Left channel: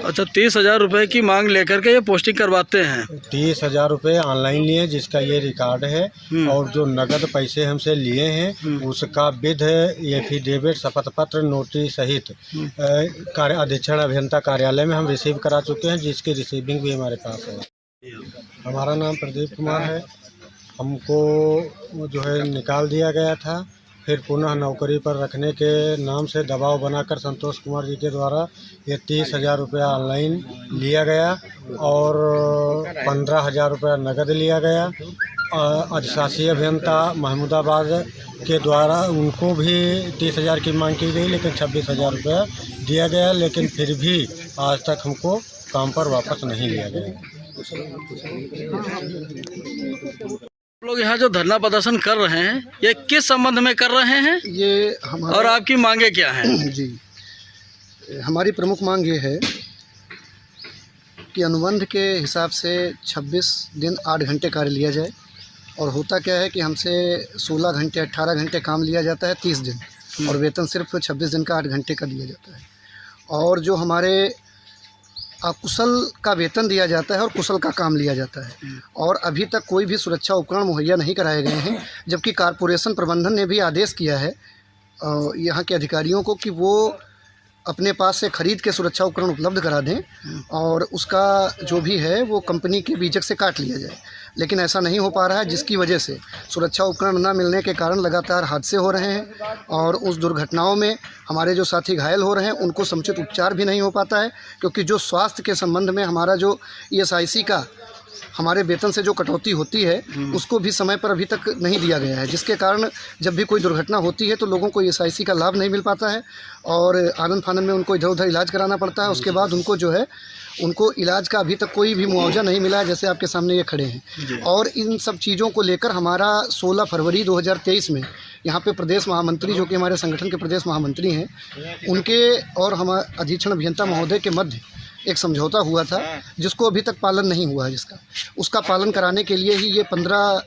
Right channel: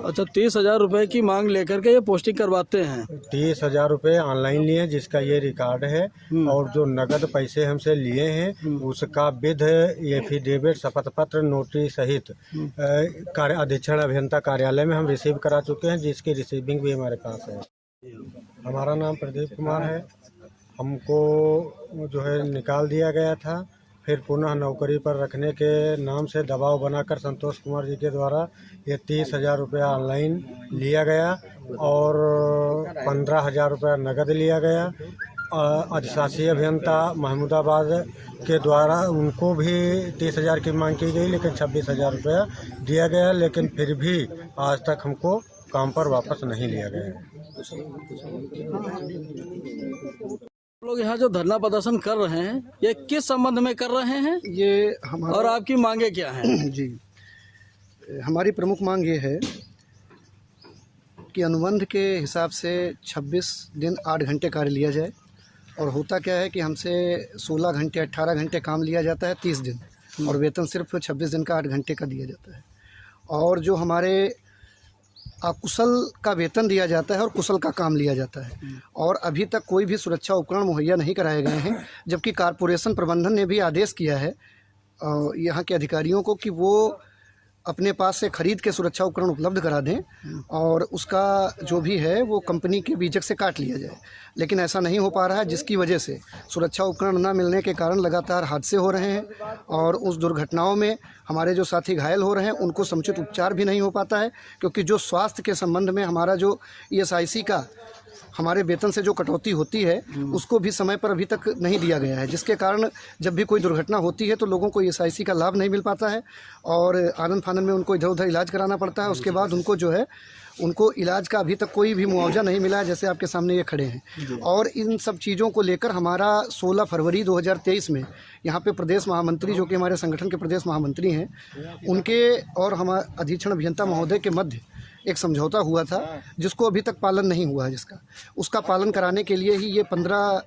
अच्छा, 30,000 रुपये की मांग लेकर के ये पोस्टिंग करवाते हैं। 30,000 रुपये ऑनलाइन लिए, जिसका ये रिकॉर्ड है। और जो नगद पैसे हमसे लिए हैं उसका विध एफिडेविट, शपथ पत्र, नोटिस सहित कार्य अधीक्षण अभियंता कार्यालय में हम रिसीव करा चुके हैं, जिसकी रिसीविंग भी हमारे पास है। हमारा नाम प्रदीप कुमार है। हमको जो है निकाल दिया गया था, फिर पुनः नौकरी पर रखने के नाम से दबाव बनाकर संतोष कुमार जी के द्वारा ये 30,000 रुपया ऑनलाइन लिया गया और 15,000 रुपया नगद लिया गया। अधिशासी अभियंता महमूदाबाद के द्वारा उनको भी 30,000 की मांग की गई, लेकिन 26,000 रुपया दिया गया, लेकिन फिर भी आज तक हमको काम पर वापस नहीं लिया गया। लोग यहाँ जो धरना प्रदर्शन कर रहे हैं, ये किस संबंध में कर रहे हैं? ये हमारा और आपकी मांगे क्या हैं? जी, हमारी प्रमुख मांग ये है कि अनुबंध के हिसाब से 26 दिन 8 घंटे कार्य लिया जाए। और होता क्या है कि हमसे 16 घंटे 18 घंटे काम लिया जाता है 30 दिन, और वेतन सिर्फ 26 दिन का 8 घंटे का दिया जाता है। और जो हमारे अकुशल का वेतन दिया जाता है और कुशल का काम लिया जाता है। और अभी तक कोई भी सुरक्षा उपकरण मुहैया नहीं कराए गए हैं, जबकि कॉरपोरेशन प्रबंधन ने भी आदेश किया है यहाँ के अधिकारियों को कि वो अपने पास से खरीद के सुरक्षा उपकरण उपलब्ध करा दें और उसका जो भी है वो कंपनी के बीजक से काट लिया जाए। लेकिन ऐसा नहीं हो पा रहा है, जिसकी वजह से सुरक्षा उपकरण न मिलने के कारण लगातार हादसे हो रहे हैं और उस दुर्घटनाओं में हमारे जो साथी घायल हो रहे हैं उनको समुचित उपचार भी नहीं हो पाता है, क्योंकि जो स्वास्थ्य के संबंध में हमारा जो ESIC का हमारे वेतन से जो कटौती होती है उसको भी समय पर अभी तक नहीं दिया गया है, जिसके कारण जब भी कोई दुर्घटना होती है तो लोगों को ESIC का लाभ नहीं मिल पाता है और आनंद फानंद में उनको इधर उधर इलाज कराना पड़ता है। उसके बाद उनको जो है उनको इलाज का अभी तक कोई भी मुआवजा नहीं मिला है, जैसे आपके सामने ये खड़े हैं। और इन सब चीज़ों को लेकर हमारा 16 फरवरी 2023 में यहाँ पे प्रदेश महामंत्री, जो कि हमारे संगठन के प्रदेश महामंत्री हैं, उनके और हमारे अधीक्षण अभियंता महोदय के मध्य एक समझौता हुआ था, जिसको अभी तक पालन नहीं हुआ है। उसका पालन कराने के लिए ही ये 15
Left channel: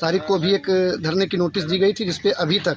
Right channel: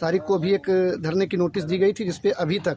तारीख को भी एक धरने की नोटिस दी गई थी, जिस पे अभी तक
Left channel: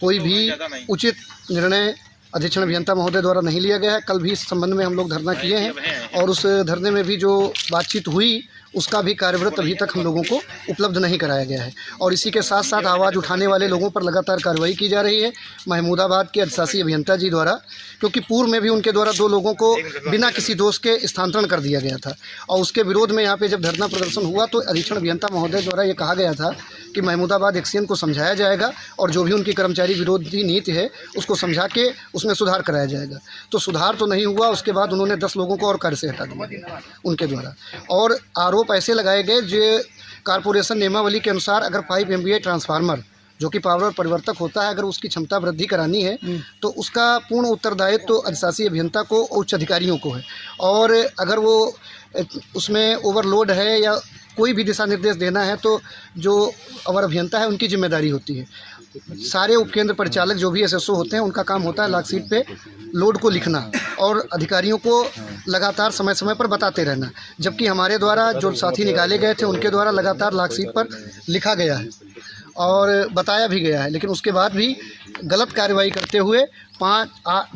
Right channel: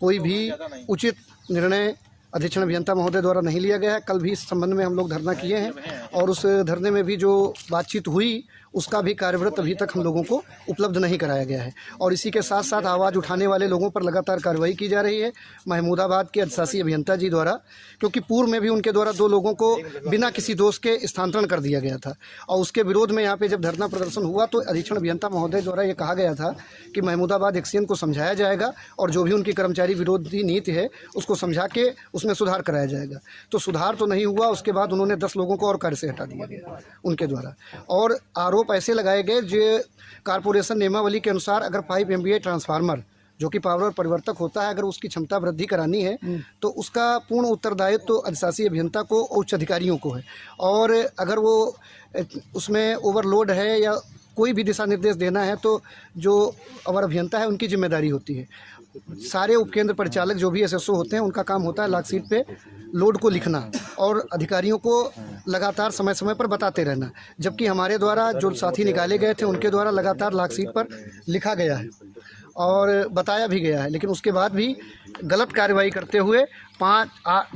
कोई भी उचित निर्णय अधीक्षण अभियंता महोदय द्वारा नहीं लिया गया है। कल भी इस संबंध में हम लोग धरना किए हैं और उस धरने में भी जो बातचीत हुई उसका भी कार्यव्रत अभी तक हम लोगों को उपलब्ध नहीं कराया गया है। और इसी के साथ साथ आवाज़ उठाने वाले लोगों पर लगातार कार्रवाई की जा रही है महमूदाबाद के अधिशासी अभियंता जी द्वारा, क्योंकि पूर्व में भी उनके द्वारा 2 लोगों को बिना किसी दोष के स्थानांतरण कर दिया गया था। और उसके विरोध में यहाँ पे जब धरना प्रदर्शन हुआ तो अधीक्षण अभियंता महोदय द्वारा ये कहा गया था कि महमूदाबाद एक्सीएन को समझाया जाएगा और जो भी उनकी कर्मचारी विरोधी नीति है उसको समझा के उसमें सुधार कराया जाएगा। तो सुधार तो नहीं हुआ। उसके बाद उन्होंने 10 लोगों को और कार्य से हटा दिया उनके द्वारा। और आरोप ऐसे लगाए गए जो कॉरपोरेशन नियमावली के अनुसार अगर 5 MVA ट्रांसफार्मर जो कि पावर परिवर्तक होता है, अगर उसकी क्षमता वृद्धि करानी है तो उसका पूर्ण उत्तरदायित्व तो अधिशासी अभियंता को, उच्च अधिकारियों को है। और अगर वो उसमें ओवरलोड है या कोई भी दिशा निर्देश देना है तो जो अवर अभियंता है उनकी जिम्मेदारी होती है। सारे उपकेंद्र परिचालक जो भी SSO होते हैं उनका काम होता है लाकशीट पे लोड को लिखना और अधिकारियों को लगातार समय समय पर बताते रहना, जबकि हमारे द्वारा जो साथी निकाले गए थे उनके द्वारा लगातार लाकशीट पर लिखा गया है और बताया भी गया है। लेकिन उसके बाद भी गलत कार्रवाई करते हुए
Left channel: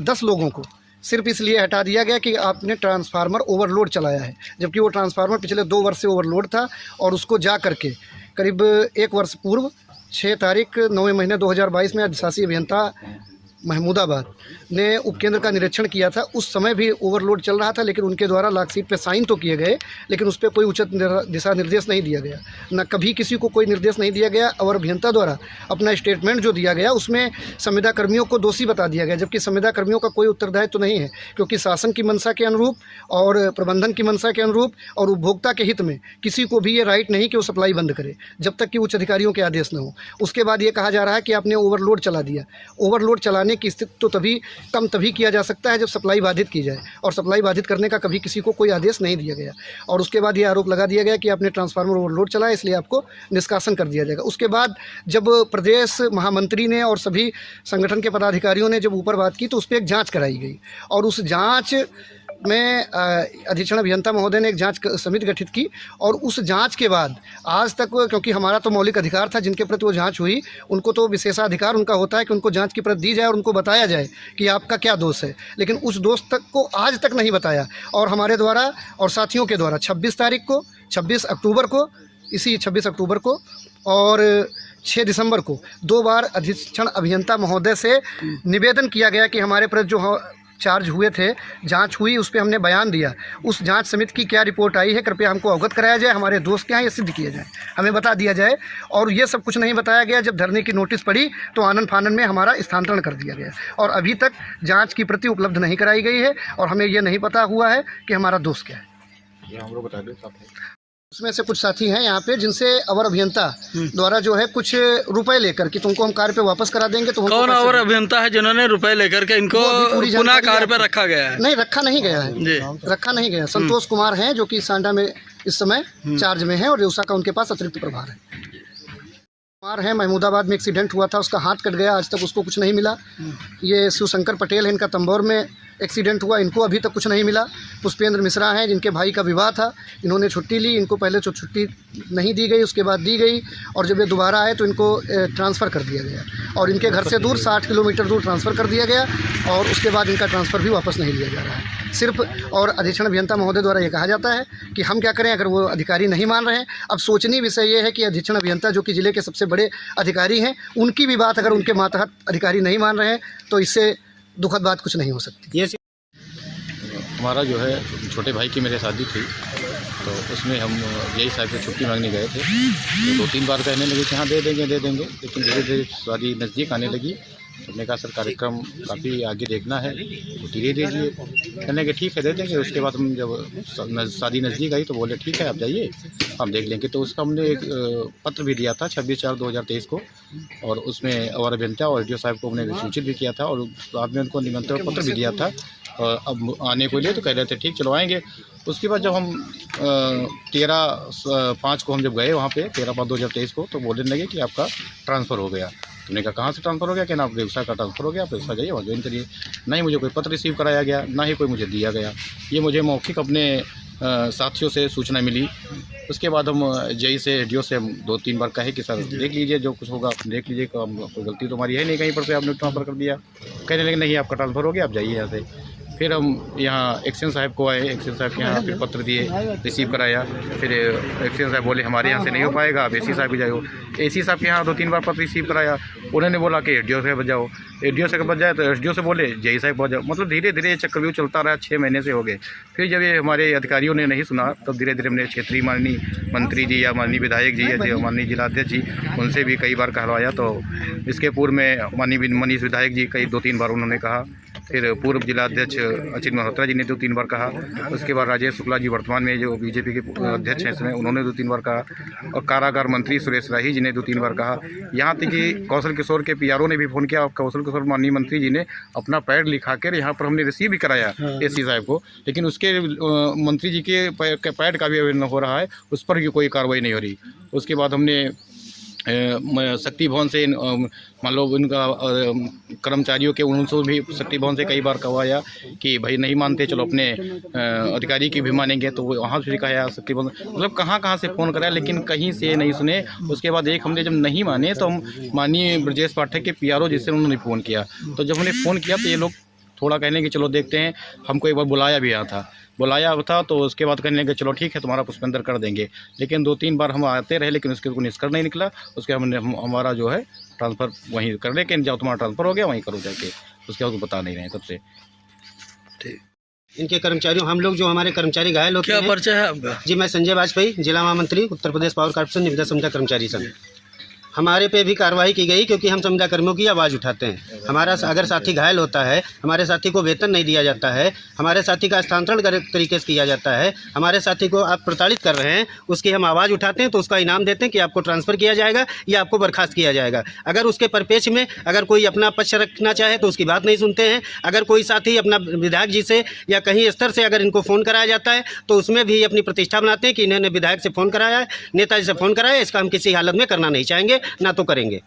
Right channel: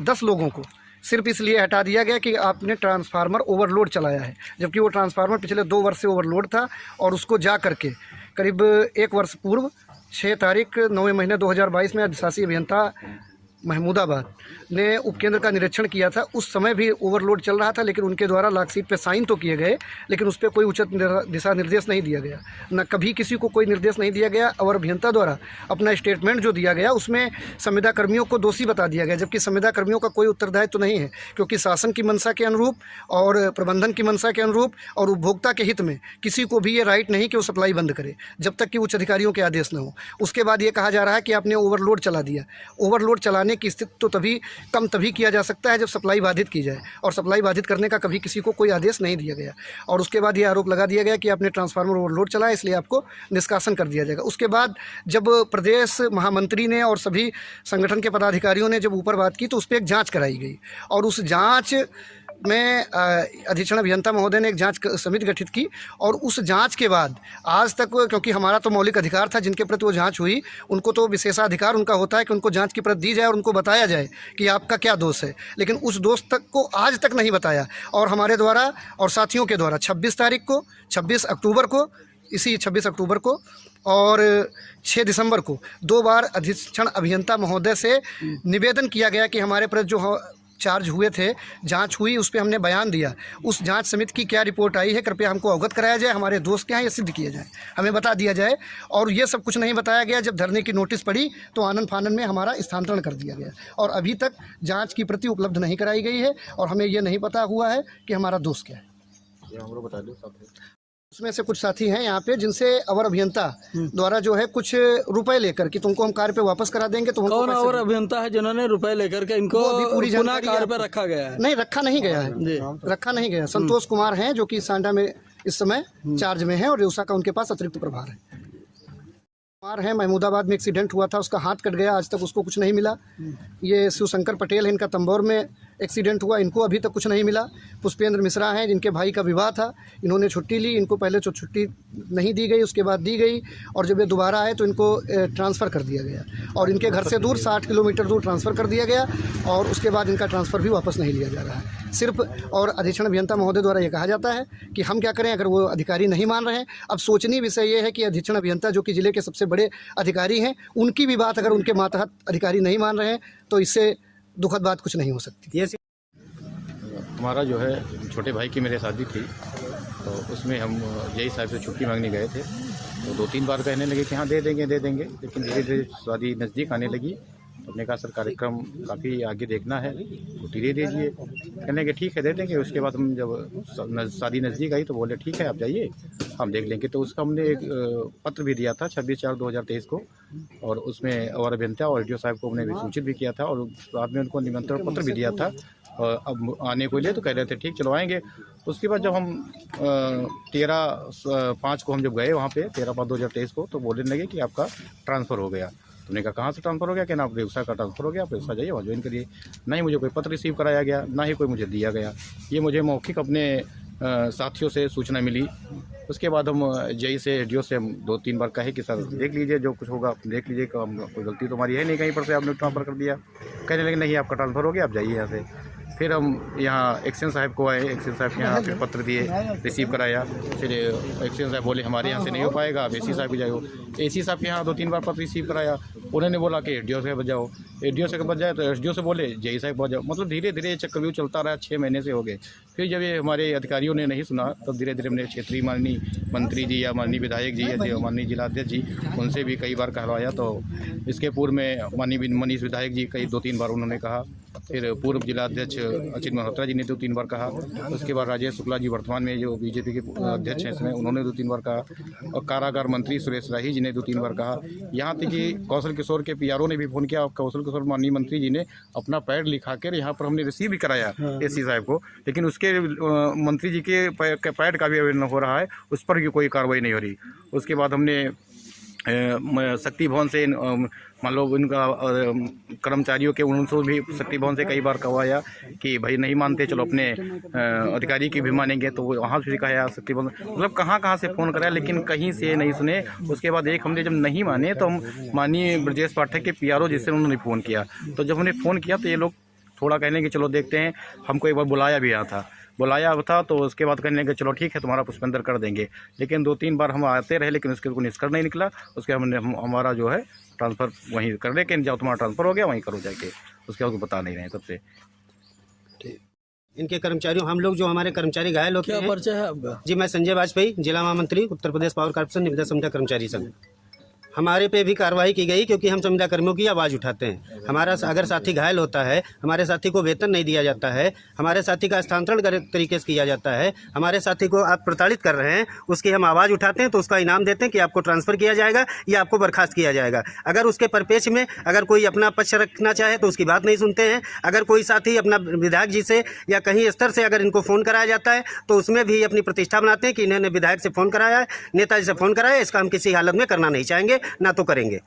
10 लोगों को सिर्फ इसलिए हटा दिया गया कि आपने ट्रांसफार्मर ओवरलोड चलाया है, जबकि वो ट्रांसफार्मर पिछले 2 वर्ष से ओवरलोड था। और उसको जा करके करीब 1 वर्ष पूर्व 6 तारीख 9वें महीने 2022 में अधिशासी अभियंता महमूदाबाद ने उपकेंद्र का निरीक्षण किया था। उस समय भी ओवरलोड चल रहा था, लेकिन उनके द्वारा लाकशीट पे साइन तो किए गए, लेकिन उस पर कोई उचित दिशा निर्देश नहीं दिया गया। न कभी किसी को कोई निर्देश नहीं दिया गया। और अभियंता द्वारा अपना स्टेटमेंट जो दिया गया उसमें संविदा कर्मियों को दोषी बता दिया गया, जबकि संविदा कर्मियों का कोई उत्तरदायित्व तो नहीं है, क्योंकि शासन की मंशा के अनुरूप और प्रबंधन की मंशा के अनुरूप और उपभोक्ता के हित में किसी को भी ये राइट नहीं कि वो सप्लाई बंद करे जब तक कि उच्च अधिकारियों के आदेश न हो। उसके बाद ये कहा जा रहा है कि आपने ओवरलोड चला दिया। ओवरलोड चलाने की स्थिति तो तभी किया जा सकता है जब सप्लाई बाधित की जाए, और सप्लाई बाधित करने का कभी किसी को कोई आदेश नहीं दिया गया। और उसके बाद ये आरोप लगा दिया गया कि आपने ट्रांसफार्मर ओवरलोड चलाया, इसलिए आपको निष्कासन कर दिया जाएगा। उसके बाद जब प्रदेश महामंत्री ने और सभी संगठन के पदाधिकारियों ने जब ऊपर बात की तो उस पर एक जाँच कराई गई और उस जाँच में अधीक्षण अभियंता महोदय ने एक जांच समिति गठित की और उस जांच के बाद आज तक, क्योंकि हमारा तो मौलिक अधिकार था जिनके प्रति वो जांच हुई, उनको तो विशेषाधिकार उनका होता है कि उनको जांच की प्रत दी जाए और उनको बताया जाए कि आपका क्या दोष है, लेकिन उस दोष तक को आज तक नहीं बताया। और हमारे द्वारा और साथियों के द्वारा 26 तारीख को, 26 अक्टूबर को, इसी 26 अक्टूबर को और 6 दिसंबर को 2 बार अधीक्षण अभियंता महोदय से निवेदन किया गया कि हमारे प्रति जो चार्ज हुए थे, जांच हुई, उस पर हमने बयान दिया। उस जांच समिति की क्या रिपोर्ट आई है कृपया हमको अवगत कराया जाए, हमारे दोस्त क्या हैं ये सिद्ध किया जाए, हमें बता दिया जाए। और ये सब कुछ नहीं बताया गया। जब धरने की नोटिस पड़ी तो आनन फानन में हमारा स्थानांतरण कर दिया गया और अभी तक जांच की प्रति उपलब्ध नहीं कराई गई है और हमें ये नहीं पता हुआ है कि हमारा दोस्त क्या है। उसमें से कुछ साथी हैं यहाँ पे जिनसे अवर अभियंता द्वारा जो है कुछ रुपए लेकर कि तुमको हम कार्य पे वापस करा देंगे। तो कौन अवर अभियंता है जिन्होंने रुपए लेकर के इनको पुनः कार्य पे रखा गया है? नहीं, रखा नहीं गया है, रखा नहीं गया। संतोष कुमार हैं जो कि सांडा में इस समय चार्ज में है और रेउसा का उनके पास अतिरिक्त प्रभार है। कुमार है, महमूदाबाद में एक्सीडेंट हुआ था, उसका हाथ कट गया, आज तक उसको कुछ नहीं मिला। ये शिवशंकर पटेल है, इनका तंबौर में एक्सीडेंट हुआ, इनको अभी तक कुछ नहीं मिला। पुष्पेंद्र मिश्रा हैं जिनके भाई का विवाह था, इन्होंने छुट्टी ली, इनको पहले तो छुट्टी नहीं दी गई, उसके बाद दी गई और जब ये दोबारा आए तो इनको ट्रांसफ़र कर दिया गया और इनके घर से दूर 60 किलोमीटर दूर ट्रांसफ़र कर दिया गया और उसके बाद इनका ट्रांसफ़र भी वापस नहीं लिया जा रहा है सिर्फ। और अधीक्षण अभियंता महोदय द्वारा ये कहा जाता है कि हम क्या करें अगर वो अधिकारी नहीं मान रहे हैं। अब सोचनीय विषय ये है कि अधीक्षण अभियंता जो कि ज़िले के सबसे बड़े अधिकारी हैं, उनकी भी बात अगर उनके मातहत अधिकारी नहीं मान रहे हैं तो इससे दुखद बात कुछ नहीं हो सकती। ये हमारा जो है छोटे भाई की मेरे शादी थी तो उसमें हम यही साहब से छुट्टी मांगने गए थे। तो 2-3 बार कहने लगे कि हाँ दे देंगे, लेकिन धीरे धीरे शादी नज़दीक आने लगी। हमने कहा सर कार्यक्रम काफ़ी आगे देखना है, तो धीरे धीरे कहने के ठीक है दे देंगे। उसके बाद हम जब शादी नज़दीक आई तो बोले ठीक है आप जाइए हम देख लेंगे। तो उसका हमने एक पत्र भी दिया था 26/4/2023 को और उसमें अवर अभियंता और डी साहब को हमने सूचित भी किया था और बाद में उनको निमंत्रण पत्र भी दिया था। अब आने को लिए तो कह रहे थे ठीक चलो आएँगे। उसके बाद जब हम 13/5 को हम जब गए वहाँ पे 13/5/2023 को तो बोलने लगे कि आपका ट्रांसफ़र हो गया। तुमने कहा कहाँ से ट्रांसफ़र हो गया? कि ना आप व्यवसाय का ट्रांसफ़र हो गया, आप व्यवसाय जाइए और ज्वाइन करिए। नहीं मुझे कोई पत्र रिसीव कराया गया, ना ही कोई मुझे दिया गया। ये मुझे मौखिक अपने साथियों से सूचना मिली। उसके बाद हम जेई से डी से हम 2-3 बार कहे कि सर देख लीजिए जो कुछ होगा आप देख लीजिए, कोई गलती तो हमारी है नहीं, कहीं पर से आपने ट्रांसफ़र कर दिया। कहने लगे नहीं आपका ट्रांसफ़र हो गया आप जाइए यहाँ से। फिर हम यहाँ एक्शन साहब को आए, एक्शन साहब के यहाँ फिर पत्र दिए, रिसीव कराया। फिर एक्शन साहब बोले हमारे यहाँ से नहीं हो पाएगा, आप एसी साहब के जाओ। एसी साहब के यहाँ 2-3 बार पत्र रिसीव कराया। उन्होंने बोला कि एडीओ से बजाओ, एडीओ से बच जाए तो एसडीओ से बोले जेई साहब बजाओ। मतलब धीरे धीरे ये चक्रव्यूह चलता रहा, 6 महीने से हो गए। फिर जब ये हमारे अधिकारियों ने नहीं सुना तब धीरे धीरे हमने क्षेत्रीय माननीय मंत्री जी या माननीय विधायक जी या जो माननीय जिलाध्यक्ष जी उनसे भी कई बार कहलवाया। तो इसके पूर्व में माननीय मनीष विधायक जी कई 2-3 बार उन्होंने कहा। फिर पूर्व जिलाध्यक्ष अचित मल्होत्रा जी ने 2-3 बार कहा। उसके बाद राजेश शुक्ला जी वर्तमान में जो बीजेपी के अध्यक्ष हैं इसमें उन्होंने 2-3 बार कहा और कारागार मंत्री सुरेश राही जी ने 2-3 बार कहा। यहाँ तक कि कौशल किशोर के पीआरओ ने भी फ़ोन किया। कौशल किशोर माननीय मंत्री जी ने अपना पैड लिखा कर यहाँ पर हमने रिसीव भी कराया एसी साहब को, लेकिन उसके मंत्री जी के पैड का भी आवेदन हो रहा है, उस पर भी कोई कार्रवाई नहीं हो रही। उसके बाद हमने शक्ति भवन से मान लो इनका कर्मचारियों के उनसे भी शक्ति भवन से कई बार कहवाया कि भाई नहीं मानते चलो अपने अधिकारी की भी मानेंगे, तो वहाँ से कहा शक्ति भवन मतलब कहाँ से फ़ोन कराया लेकिन कहीं से नहीं सुने। उसके बाद एक हमने जब नहीं माने तो हम माननीय ब्रजेश पाठक के पीआरओ जिससे उन्होंने फ़ोन किया। तो जब हमने फ़ोन किया तो ये लोग थोड़ा कहने कि चलो देखते हैं, हमको एक बार बुलाया था तो उसके बाद कहने लगे चलो ठीक है तुम्हारा पुष्पेंद्र कर देंगे। लेकिन 2-3 बार हम आते रहे लेकिन उसके कोई निष्कर्ष नहीं निकला। उसके हमारा जो है ट्रांसफ़र वहीं कर ले कि जब तुम्हारा ट्रांसफ़र हो गया वहीं करो जाके, उसके बाद बता नहीं रहे तब से। ठीक, इनके कर्मचारियों हम लोग जो हमारे कर्मचारी घायल होते हैं। क्या परिचय है आपका? जी मैं संजय वाजपेयी, जिला महामंत्री उत्तर प्रदेश पावर कॉर्पोरेशन निविदा संविदा कर्मचारी संघ। हमारे पे भी कार्रवाई की गई क्योंकि हम संविदा कर्मियों की आवाज़ उठाते हैं। हमारा अगर साथी घायल होता है, हमारे साथी को वेतन नहीं दिया जाता है, हमारे साथी का स्थानांतरण तरीके से किया जाता है, हमारे साथी को आप प्रताड़ित कर रहे हैं, उसकी हम आवाज़ उठाते हैं तो उसका इनाम देते हैं कि आपको ट्रांसफ़र किया जाएगा या आपको बर्खास्त किया जाएगा। अगर उसके परिपेक्ष में अगर कोई अपना पक्ष रखना चाहे तो उसकी बात नहीं सुनते हैं। अगर कोई साथी अपना विधायक जी से या कहीं स्तर से अगर इनको फ़ोन कराया जाता है तो उसमें भी अपनी प्रतिष्ठा बनाते हैं कि इन्होंने विधायक से फ़ोन कराया है, नेताजी से फ़ोन कराया है, इसका हम किसी हालत में करना नहीं चाहेंगे, ना तो करेंगे।